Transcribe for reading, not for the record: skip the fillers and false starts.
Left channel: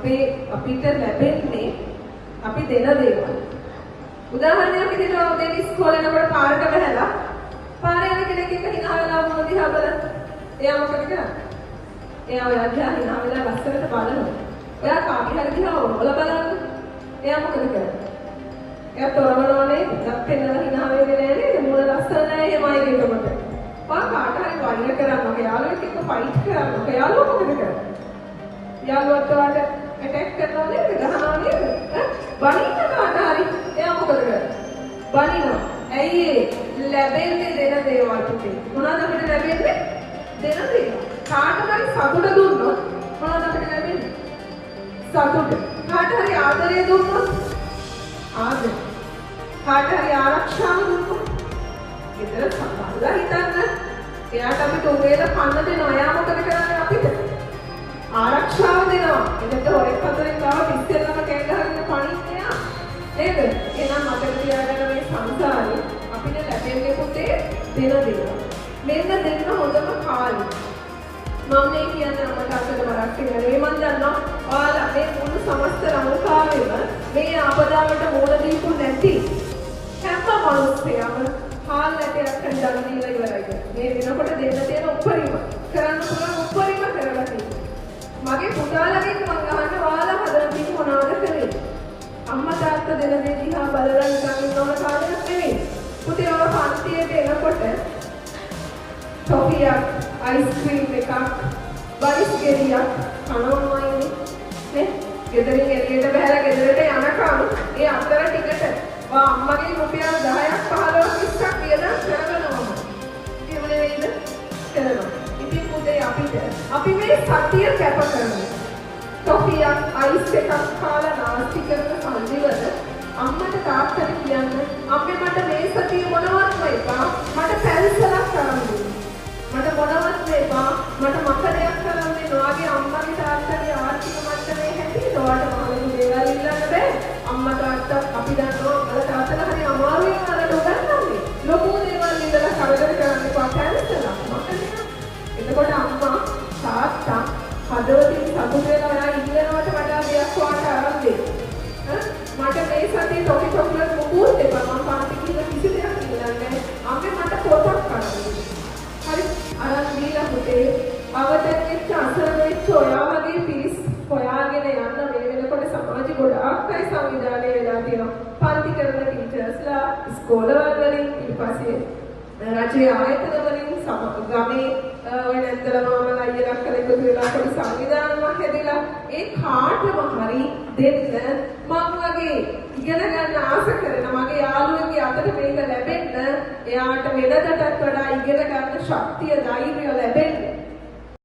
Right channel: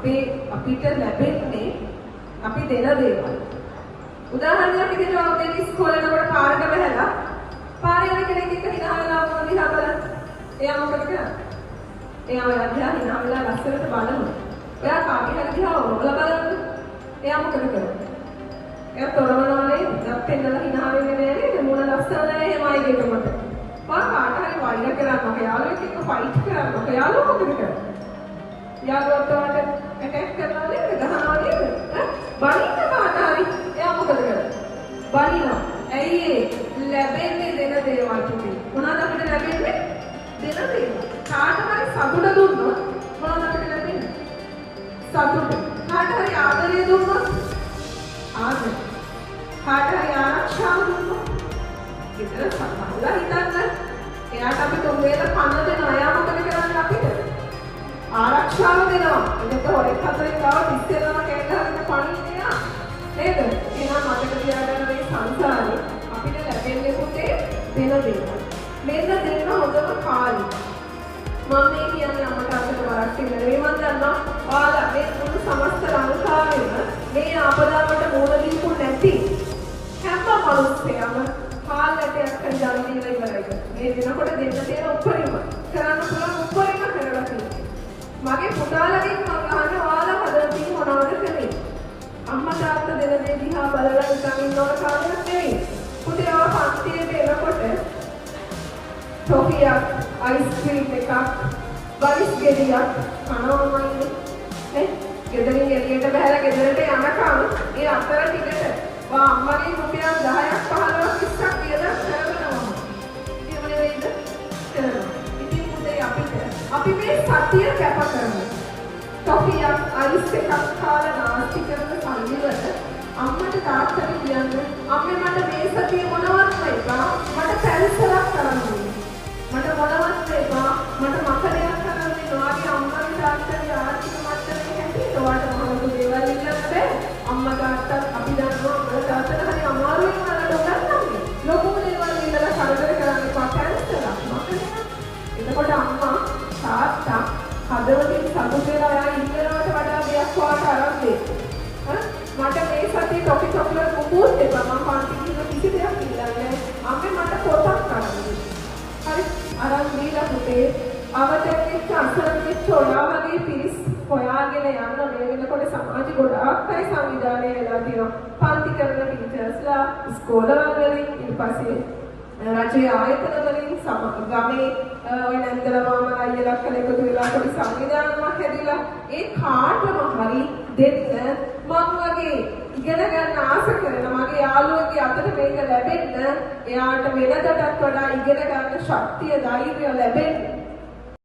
අපිට ලැබෙන්නේ අපි දෙන දේවල්. උදාහරණයක් විදිහට අපි ඉස්කෝලේ යනකොට පාරට බහැලා පාරේ යන කෙනෙක් එක්ක hina වෙලා වුණා දිහා බලන්න. එයා මොකද කරන්නේ? එයා ඔය දිහා hina වෙලා ලස්සනට බලනවා. එයා කාගේ හරි දිහා ඔරවලා බලන්න. එයා මොකද කරන්නේ? එයා තොරවනවනේ ඉස්සක් පෙන්නලා hina වෙන්නේ නෑ නේද? මොන ලස්සන නෑ එහෙමයි කියනකොට. කාට හරි වෛර කරනවා. යාළුවෙක් එක්ක ෆයිට් කරනවා. යාළුවා මොකද කරන්නේ? යාළුවාට ඇටැක් කරනවා නේද? ගහනවා නේද? බනින්න කාට හරි එයා මොකද කරන්නේ? බනිනවා. ඇයි ලැබෙන්නේ දෙන දේවල් තුනේ. මොනවද අපිට ලැබෙන්නේ? දෙන දේවල්. කාට හරි සතුට දුන්නොත් මොනවද අපිට ලැබෙන්නේ? සතුට. කාට හරි ආදරය දුන්නොත් ආදරය. කාට හරි ආරක්ෂාව දුන්නොත් ගෙදර සමාදලා හිතන්න. එයාට අපි තුන් වේල කන්න දෙනවා. එයා මොකද කරන්නේ අපිට? ආරක්ෂාව දෙනවා. එතකොට හොරෙක් හතරෙන් ගාව පිස්සෙන්නම කෑගහගෙන පණින්නේ යා. නේද? එහෙනම් මතක තියාගන්න මේ සංසාරේ අපිට ලැබෙන්නේ පුතේ දෙන දේවල්. මෙන්න දෙන්න හොඳම කාලේ. මම මේ කියන්නේ අපට අතට වරක් නෙවෙයි. මම දන්නවා ඔයාලා මේ මුළු සමස්ත ලංකාවෙම මේ ආපදාවට මුහුණ දීපු නැති හැම මිනිස්සෙම කාලයටයක් කරලා දීලා ඉවරයි. මේ දිනකොට දෙන්න තියෙන උපරිම කරන්න පුළුවන් උපරිම කරලා තියෙනවා. මගේ පුතාලගෙන් මම අහන්න ඔයාලා හදලා තියෙන මොනවද කළේ? අම්මා තාත්තා දෙන දේ දිහා බලලා නිකන් ඉන්නවන කාලයක් නෙවෙයි. පුතේ ඔය පන්තියට එනකොට ටොෆියක්, අයිස්ක්‍රීම් එකක්, බයිස් ගෙඩියක් කනවමයි නේ. ගෙදරින් එළියට බහැලා ගෙදරට යනකම් ඒ අතර ටිකට අම්මගේ රුපියල් 10ක් 15ක් 20ක් වියදම් කරනවා. එහෙම නෙවෙයිද? කරනවා. ඉතින් පුතේ අපි මේ සතිය කැප කරනවා. ටොෆියක් අයිස් එකක් කාලා නාස්ති කරන සල්ලිවල අම්මට තාත්තට කියන්න අම්මේ මට මේ සතිය මොනවත් එපා මට පැල්සලක් කරන්න දෙන්න. මට මොනවත් එපා මට මකරයක් කරන්න දෙන්න. ඔයාගේ අම්මගේ තාත්තගේ ආර්ථික මට්ටමේ හැටියට ඔයාලට මොනවද දේවල් ඉල්ලන්න බෑ. අම්මා තාත්තා අපි දන්නවා තාත්තලා හරි අමාරුවෙන් වලට උගන්වන්නේ. ලොකු දේවල් ඉල්ලලා කරදර කරන්න එපා පැල්සලක් මකරයක්. එතකොට අම්මා තාත්තා හදවතින් සතුට වෙලා යා ඉන්නවට වඩා දෙයක් ඔයාට අරන් දෙන්න. මට මේ සතියේ ටොපි චොක්ලට් මොකුත් එපා. මම පන්ති ගිහින් කිසි දෙයක් ඉල්ලන්නේ නැහැ. අම්මේ මට පොතක් කරන්න දෙන්න. හරි අරන් දීලා පුතේ අවතෙන්ෙච්ච අසරණෙච්ච ඔයා වගේ පිරිස් හොයාගෙන යන්න මේ වෙනකොට සමාජෙ ගොඩාක් අය සංවිධානය වෙලා තියෙනවා. පන්ති කරන ටීචර්ස්ලා ඉස්කෝලවල වලින් ඊට පස්සේ රජයේ ආයතන වලින් ගමේ ඔය නැන්දලා මාමලා අයියලා කළ එකතු වෙලා පොඩි සංවිධානයක් හැදිලා ඒ කාටම හරි දෙන්න මම වගේ ඉගෙන ගන්න ආස කරන මගේ යාළුවගේ අතට මේක ලැබෙන්න එයාට වෙනදටත් වඩා ඉගෙන ගන්න ශක්තිය ධෛර්යය ලැබෙන්න